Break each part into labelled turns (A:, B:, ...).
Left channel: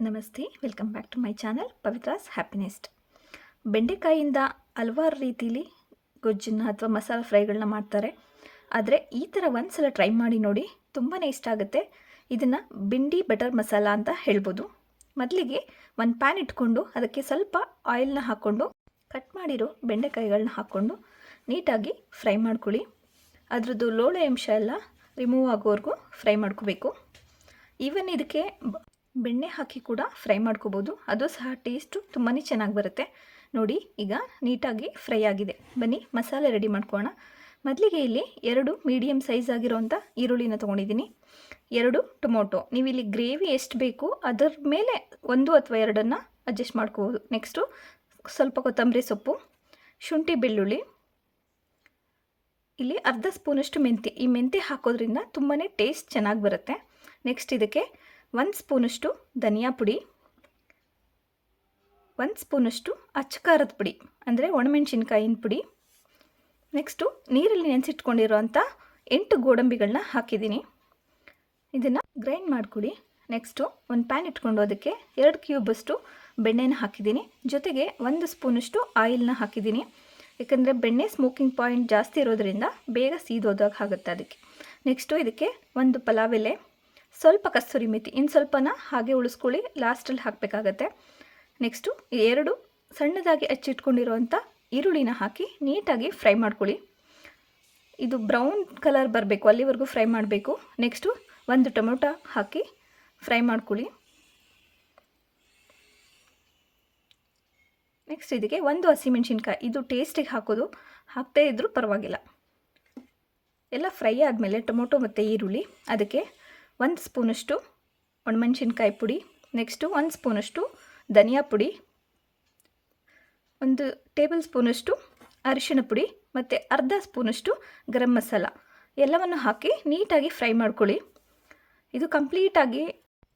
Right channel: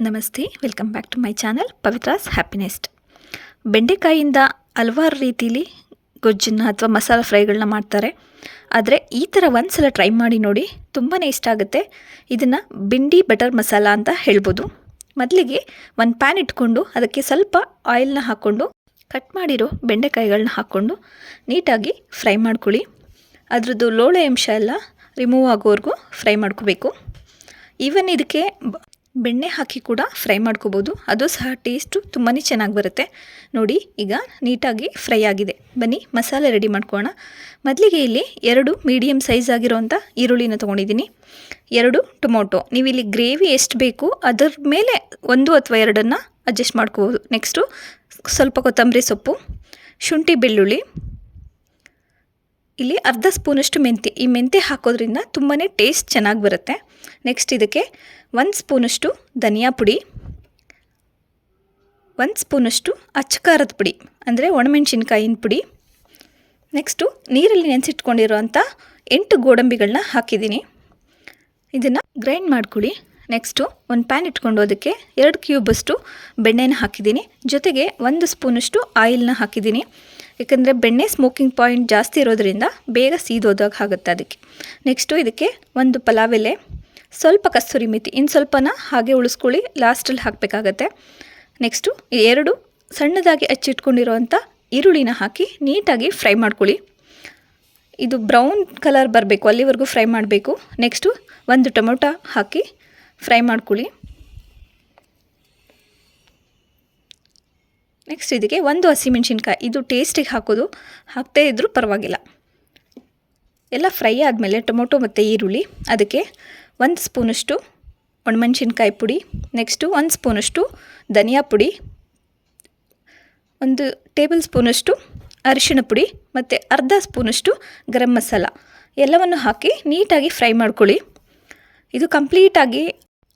A: ನಮಸ್ತೆ, welcome back to my channel Pavithra's happiness. ಬೆಂಡೆಕಾಯಿಂದ ಹಲವಾರು ರೀತಿಲಿ ಗೊಜ್ಜನ್ನ ಅಥವಾ ಮಸಾಲ ಫ್ರೈಗಳನ್ನ ಮಾಡ್ತಾರೆ. ಆದರೆ ಈ ಥರ ಒಂದು ಸಲ ಟ್ರೈ ಮಾಡಿ ನೋಡಿ ತುಂಬಾ ಇಷ್ಟ ಆಗುತ್ತೆ. ಇದನ್ನು ಬಿಂಡಿ ಬಟರ್ ಮಸಾಲ ಅಂತ ಹೇಳ್ಬೋದು. ಮೊದಲಿಗೆ ಒಂದು ಪ್ಯಾನ್ ಇಟ್ಕೊಂಡು ಅದಕ್ಕೆ ಸ್ವಲ್ಪ ಆಯಿಲ್ನ ಹಾಕ್ಕೊಂಡು ಕಟ್ ಮಾಡಿರೋ ಬೆಂಡೆಕಾಯಿಗಳನ್ನ ಹಾಕ್ಕೊಂಡು ನೀಟಾಗಿ ಫ್ರೈ ಮಾಡ್ಕೊಳ್ಳಿ. ಅದರದ್ದು ಲೋಳೆ ಅಂಶ ಎಲ್ಲ ರಿಮೂವ್ ಆಗೋವರೆಗೂ ಫ್ರೈ ಮಾಡ್ಕೋಬೇಕು. ಈವನ್ ಇದಕ್ಕೆ ಬೆಣ್ಣೆ ಹಾಕಿ ಕೂಡ ಫ್ರೈ ಮಾಡ್ಕೋಬೋದು. ಅದು ಸಹ ಟೇಸ್ಟು ತುಂಬಾ ಚೆನ್ನಾಗಿ ಬರುತ್ತೆ. ನೋಡಿ, ಈಗ ನೀಟಾಗಿ ಫ್ರೈ ಆಗಿದೆ. ಬನ್ನಿ, ಮಸಾಲೆ ರೆಡಿ ಮಾಡ್ಕೋಣ ಮೊದಲಿಗೆ ಇಲ್ಲಿ ಎರಡು ಮೀಡಿಯಮ್ ಸೈಜ್ ಆಗಿರೋಂಥ ಈರುಳ್ಳಿನ ತೊಗೊಂಡಿದ್ದೀನಿ. ಎರಡು ಟೊಮೊಟೊ. ನೀವು ಇಲ್ಲಿ ಗ್ರೇವಿ ಎಷ್ಟು ಬೇಕು ಅದರ ಮೇಲೆ ಒಂದು ಅಥವಾ ಎರಡನ್ನು ಅಡ್ಜಸ್ಟ್ ಮಾಡ್ಕೋಬೋದು. ನೆಕ್ಸ್ಟು ಸ್ವಲ್ಪ ಕೊತ್ತಂಬರಿ ಸೊಪ್ಪು, ಶುಂಠಿ ಬೆಳ್ಳುಳ್ಳಿ. ಇಲ್ಲಿ ಅರ್ಧ ಸ್ಪೂನಷ್ಟು ಮೆಂತ್ಯ. ಈ ಮೆಂತ್ಯ ಹಾಕೋದ್ರಿಂದ ತುಂಬಾ ಟೇಸ್ಟ್ ಚೆನ್ನಾಗಿ ಬರುತ್ತೆ. ನೆಕ್ಸ್ಟ್ ಇದಕ್ಕೆ ಒಂದು ಸ್ಪೂನಷ್ಟು ಧನಿಯಾ ಪುಡಿ, ಒಂದು ಸ್ಪೂನಷ್ಟು ಅಚ್ಚಕಾರದ ಪುಡಿ, ಅಂದರೆ ಒಣಮೆಣಸಿನ್ಕಾಯಿನ ಪುಡಿ. ನೆಕ್ಸ್ಟು ನೀರಲ್ಲಿ ನೆನೆಸಿಟ್ಕೊಂಡಿರುವಂಥ ಎಂಟು ಗೋಡಂಬಿಗಳನ್ನ ಹಾಕಿದ್ದೀನಿ. ಇದನ್ನು ಗ್ರೈಂಡ್ ಮಾಡ್ಕೊಳ್ಳಿ. ನೆಕ್ಸ್ಟು ಒಂದು ಪ್ಯಾನ್ ಇಟ್ಕೊಂಡು ಅದಕ್ಕೆ ಎರಡು ಕ್ಯೂಬಷ್ಟು ಬೆಣ್ಣೆನ ಹಾಕಿದ್ದೀನಿ. ಜೊತೆಗೆ ಒಂದು ಸ್ಪೂನಷ್ಟು ಆಯಿಲ್ನ ಹಾಕಿದ್ದೀನಿ. ಯಾಕಂದರೆ ಬೆಣ್ಣೆ ಸ್ಮೋಕಿಂಗ್ ಪಾಯಿಂಟ್ ಜಾಸ್ತಿ ಇರೋದ್ರಿಂದ ಬೇಗ ಸೀದೋದಾಗ ಆಗುತ್ತೆ ಅದಕ್ಕೆ. ನೆಕ್ಸ್ಟು ಇದಕ್ಕೆ ಒಂದು ಪಲಾವ್ ಎಲೆ ಸ್ವಲ್ಪ ಕಸ್ತೂರಿ ಮೆಥಿ ಇನ್ನು ಸ್ವಲ್ಪನ ಹಾಗೆ ಉಳಿಸ್ಕೊಳ್ಳಿ ಲಾಸ್ಟಲ್ಲಿ ಹಾಕಬೇಕಾಗತ್ತೆ. ನೆಕ್ಸ್ಟು ಎರಡು ಸಣ್ಣದಾಗಿ ಹಚ್ಚಿಟ್ಕೊಂಡಿರೋವಂಥ ಈರುಳ್ಳಿನ ಹಾಕಿ ನೀಟಾಗಿ ಫ್ರೈ ಮಾಡ್ಕೊಳ್ಳಿ. ಇದು ಬ್ರೌನ್ ಕಲರ್ ಬರಬೇಕು, ಅಲ್ಲಿವರೆಗೂ ಫ್ರೈ ಮಾಡಬೇಕು. ನೆಕ್ಸ್ಟು ಒಂದು ಟೊಮೊಟೊ ಹಾಕಿ ಫ್ರೈ ಮಾಡ್ಕೊಳ್ಳಿ. ನೆಕ್ಸ್ಟ್ ಇದಕ್ಕೆ ಒಂದು ಹಸಿಮೆಣ್ಸಿನ್ಕಾಯಿ, ಇದು ಟೇಸ್ಟಿಗೆ ಹಾಕೋದು ಹಾಕ್ತೇ ಇದ್ದರೂ ಪರವಾಗಿಲ್ಲ. ಎಲ್ಲ ಫ್ರೈ ಆದಮೇಲೆ ಟೊಮೊಟೊ ಮತ್ತು ಈರುಳ್ಳಿ, ಅದಕ್ಕೆ ಒಂದು ಸ್ಪೂನಷ್ಟು ಒಣಮೆಣ್ಸಿನ್ಕಾಯಿ ಪುಡಿ, ನೆಕ್ಸ್ಟು ಒಂದು ಸ್ಪೂನಷ್ಟು ಧನಿಯಾ ಪುಡಿ, ಒಂದು ಟೇಬಲ್ ಸ್ಪೂನಷ್ಟು ಅರಿಶಿಣ ಪುಡಿ ಮತ್ತು ಅರ್ಧ ಸ್ಪೂನಷ್ಟು ಗರಂ ಮಸಾಲ. ಎಲ್ಲವನ್ನು ಹಾಕಿ ನೀಟಾಗಿ ಫ್ರೈ ಮಾಡ್ಕೊಳ್ಳಿ. ಇದು ಕಂಪ್ಲೀಟಾಗಿ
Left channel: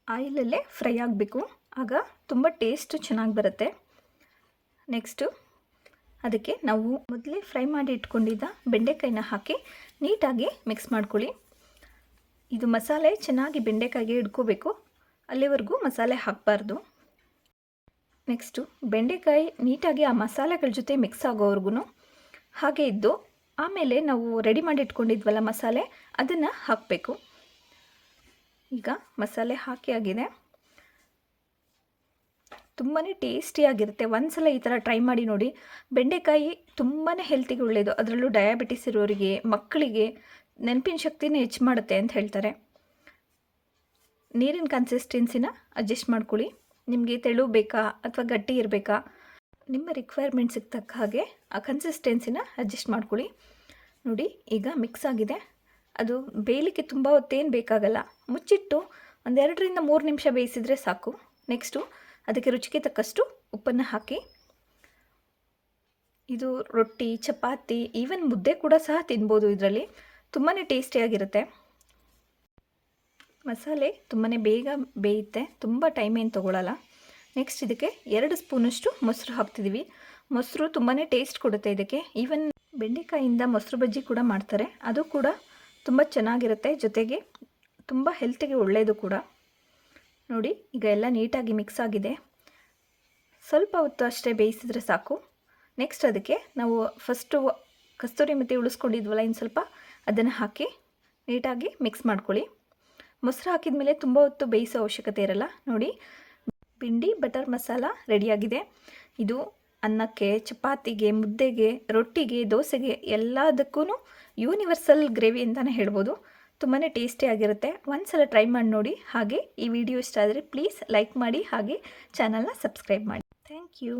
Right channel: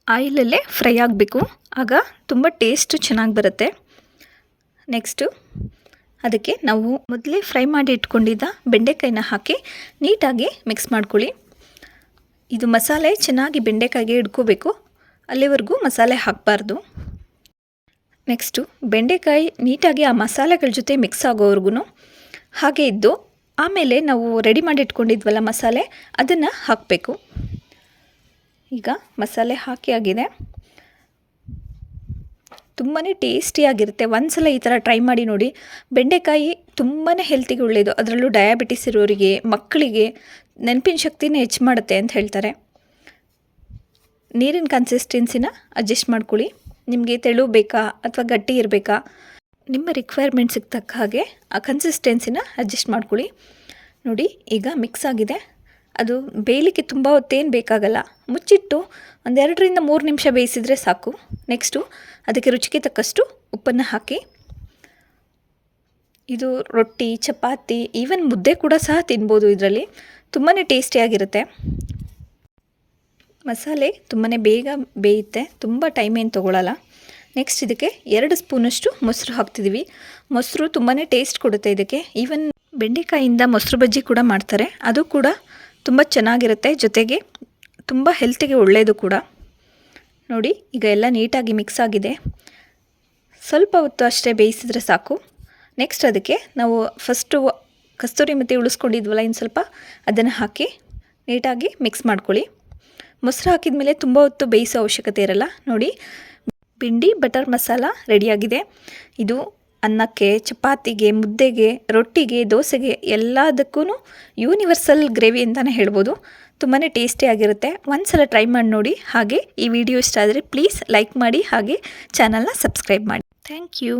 A: ಆಯಿಲಲ್ಲೇ ಫ್ರೈ ಆಗಬೇಕು. ಆಗ ತುಂಬ ಟೇಸ್ಟು ಚೆನ್ನಾಗಿ ಬರುತ್ತೆ. ನೆಕ್ಸ್ಟು ಅದಕ್ಕೆ ನಾವು ಮೊದಲೇ ಫ್ರೈ ಮಾಡಿ ಇಟ್ಕೊಂಡಿದ್ದ ಬೆಂಡೆಕಾಯಿನ ಹಾಕಿ ನೀಟಾಗಿ ಮಿಕ್ಸ್ ಮಾಡ್ಕೊಳ್ಳಿ. ಇದು ಮಸಾಲೆ ಚೆನ್ನಾಗಿ ಬೆಂಡೆಕಾಯಿಗೆ ಹಿಡ್ಕೋಬೇಕು ಅಲ್ಲಿವರೆಗೂ ಮಸಾಲೆ ಹಾಕಬಾರ್ದು. ನೆಕ್ಸ್ಟು, ಬೆಂಡೆಕಾಯಿ ನೀಟಾಗಿ ಆ ಮಸಾಲೆಗಳ ಜೊತೆ ಮಿಕ್ಸ್ ಆಗೋವರೆಗೂ ಹಾಗೆ ಇದ್ದು, ಆಮೇಲೆ ನಾವು ರೆಡಿ ಮಾಡಿ ಇಟ್ಕೊಂಡಿದ್ವಲ್ಲ ಮಸಾಲೆ, ಅದನ್ನು ಹಾಕಬೇಕು. ಈಗ ಮಸಾಲೆ ಹಾಕಿ ಆಗಿದೆ. ತುಂಬಾ ಟೇಸ್ಟಿಯಾಗಿರುತ್ತೆ ಒಂದು ಸಲ ಈ ಥರ ಟ್ರೈ ಮಾಡಿ ನೋಡಿ. ಬೆಂಡೆಕಾಯಿ ತುಂಬಾ ಹೆಲ್ತಿಗೆ ಒಳ್ಳೆಯದು ಅದರಲ್ಲೂ ಡಯಾಬಿಟಿಸ್ ಇರೋರಿಗೆ, ಮಕ್ಕಳಿಗೆ ನೆನಪಿನ ಶಕ್ತಿನ ಹೆಚ್ಚು ಮಾಡುತ್ತೆ ಅಂತ ಹೇಳ್ತಾರೆ. ನೀರಿನ ಕನ್ಸಿಸ್ಟೆನ್ಸಿನ ಅಡ್ಜಸ್ಟ್ ಮಾಡ್ಕೊಳ್ಳಿ. ನಿಮಗೆ ತೆಳು ಬೇಕಾ ಅಥವಾ ಗಟ್ಟಿ ಇರಬೇಕಾ? ನಿಮ್ಮ ರಿಕ್ವೈರ್ಮೆಂಟ್ಸಿಗೆ ತಕ್ಕ ಹಾಗೆ ಆ ಕನ್ಸಿಸ್ಟೆನ್ಸಿನ ಅಡ್ಜಸ್ಟ್ ಮಾಡ್ಕೊಳ್ಳಿ. ನೋಡಿ, ಈಗ ಮಿಕ್ಸ್ ಆಗಿದೆ. ಅದು ಬೇಯಲಿಕ್ಕೆ ತುಂಬ ಹೊತ್ತೇನು ಬೇಕಾಗಲ್ಲ. ಮುಚ್ಚಿಟ್ಟು ಒಂದೆರಡರಿಂದ ಮೂರು ನಿಮಿಷ ಬೇಯಿಸಿದರೆ ಸಾಕು. ನೆಕ್ಸ್ಟು ಅದಕ್ಕೆ ರುಚಿಗೆ ತಕ್ಕಷ್ಟು ಉಪ್ಪನ್ನು ಹಾಕಿ. ಇದು ರೊಟ್ಟಿ, ಚಪಾತಿ ಈವನ್ ಮುದ್ದೆ ಕೂಡ ಸಹ ತಿನ್ಬೋದು ಇದರಲ್ಲಿ. ತುಂಬಾ ಟೇಸ್ಟಿಯಾಗಿರುತ್ತೆ. ಮಸಾಲೆ ತುಂಬಾ ಬೇಗ ಬೇಯುತ್ತೆ. ತುಂಬ ಟೈಮ್ ಏನು ತೊಗೊಳಲ್ಲ. ನೆಕ್ಸ್ಟ್ ಇದಕ್ಕೆ ಎರಡು ಸ್ಪೂನಷ್ಟು ಮೊಸರು ಹಾಕ್ತಿದ್ದೀವಿ ಮೊಸರು ತುಂಬಾ ಟೇಸ್ಟ್ ಕೊಡುತ್ತೆ ಇದಕ್ಕೆ. ಈವನ್ ಬೆಂಡೆಕಾಯಿಂದ ಮೊಸರು ಬಜ್ಜಿ ಕೂಡ ಮಾಡ್ತಾರೆ. ಅದು ಕೂಡ ತುಂಬ ಚೆನ್ನಾಗಿರುತ್ತೆ ಜೊತೆಗೆ ತುಂಬ ಹೆಲ್ತಿಗೆ ಒಳ್ಳೆಯದು ಕೂಡ. ನೋಡಿ, ಈಗ ಎಲ್ಲ ನೀಟಾಗಿ ಮಿಕ್ಸ್ ಆಗಿದೆ. ಸ್ವಲ್ಪ ಹೊತ್ತು ಅಷ್ಟೇ ಬೇಯಿಸಿದ್ರೆ ಸಾಕು. ನೆಕ್ಸ್ಟ್ ಅದಕ್ಕೆ ನಾವು ಫಸ್ಟು ಕಸ್ತೂರಿ ಮತ್ತು ಉಳಿಸ್ಕೊಂಡಿದ್ವಲ್ಲ ಇನ್ನು ಸ್ವಲ್ಪ, ಅದನ್ನು ಹಾಕಿ ನೀಟಾಗಿ ಮಿಕ್ಸ್ ಮಾಡ್ಕೊಳ್ಳಿ. ಮೊಸರು ಹಾಕಿದ ಮೇಲೆ ತುಂಬ ಹೊತ್ತು ಬೇಯಿಸೋ ಅವಶ್ಯಕತೆ ಇರಲ್ಲ. ನೋಡಿ ಬಿಂಡಿ ಬಟರ್ ಮಸಾಲ ರೆಡಿಯಾಗಿದೆ. ಇದು ಅನ್ನಕ್ಕೆ, ಚಪಾತಿಗೆ, ಮುದ್ದೆಗೆ, ರೊಟ್ಟಿಗೆ, ದೋಸೆಗೆ ಎಲ್ಲದಕ್ಕೂ ಯೂನಿವರ್ಸಲ್ ಗ್ರೇವಿ ಅಂತಲೇ ಹೇಳ್ಬೋದು. ತುಂಬಾ ಟೇಸ್ಟಿಯಾಗಿರುತ್ತೆ ಒಂದು ಸಲ ಟ್ರೈ ಮಾಡಿ ನೋಡಿ. ಹಾಗೆ ಈ ವಿಡಿಯೋ ಇಷ್ಟ ಆದರೆ ಪ್ಲೀಸ್ ಲೈಕ್ ಮಾಡಿ, ಹಾಗೆ ಚಾನಲ್ನ ಸಬ್ಸ್ಕ್ರೈಬ್ ಮಾಡಿ. Thank you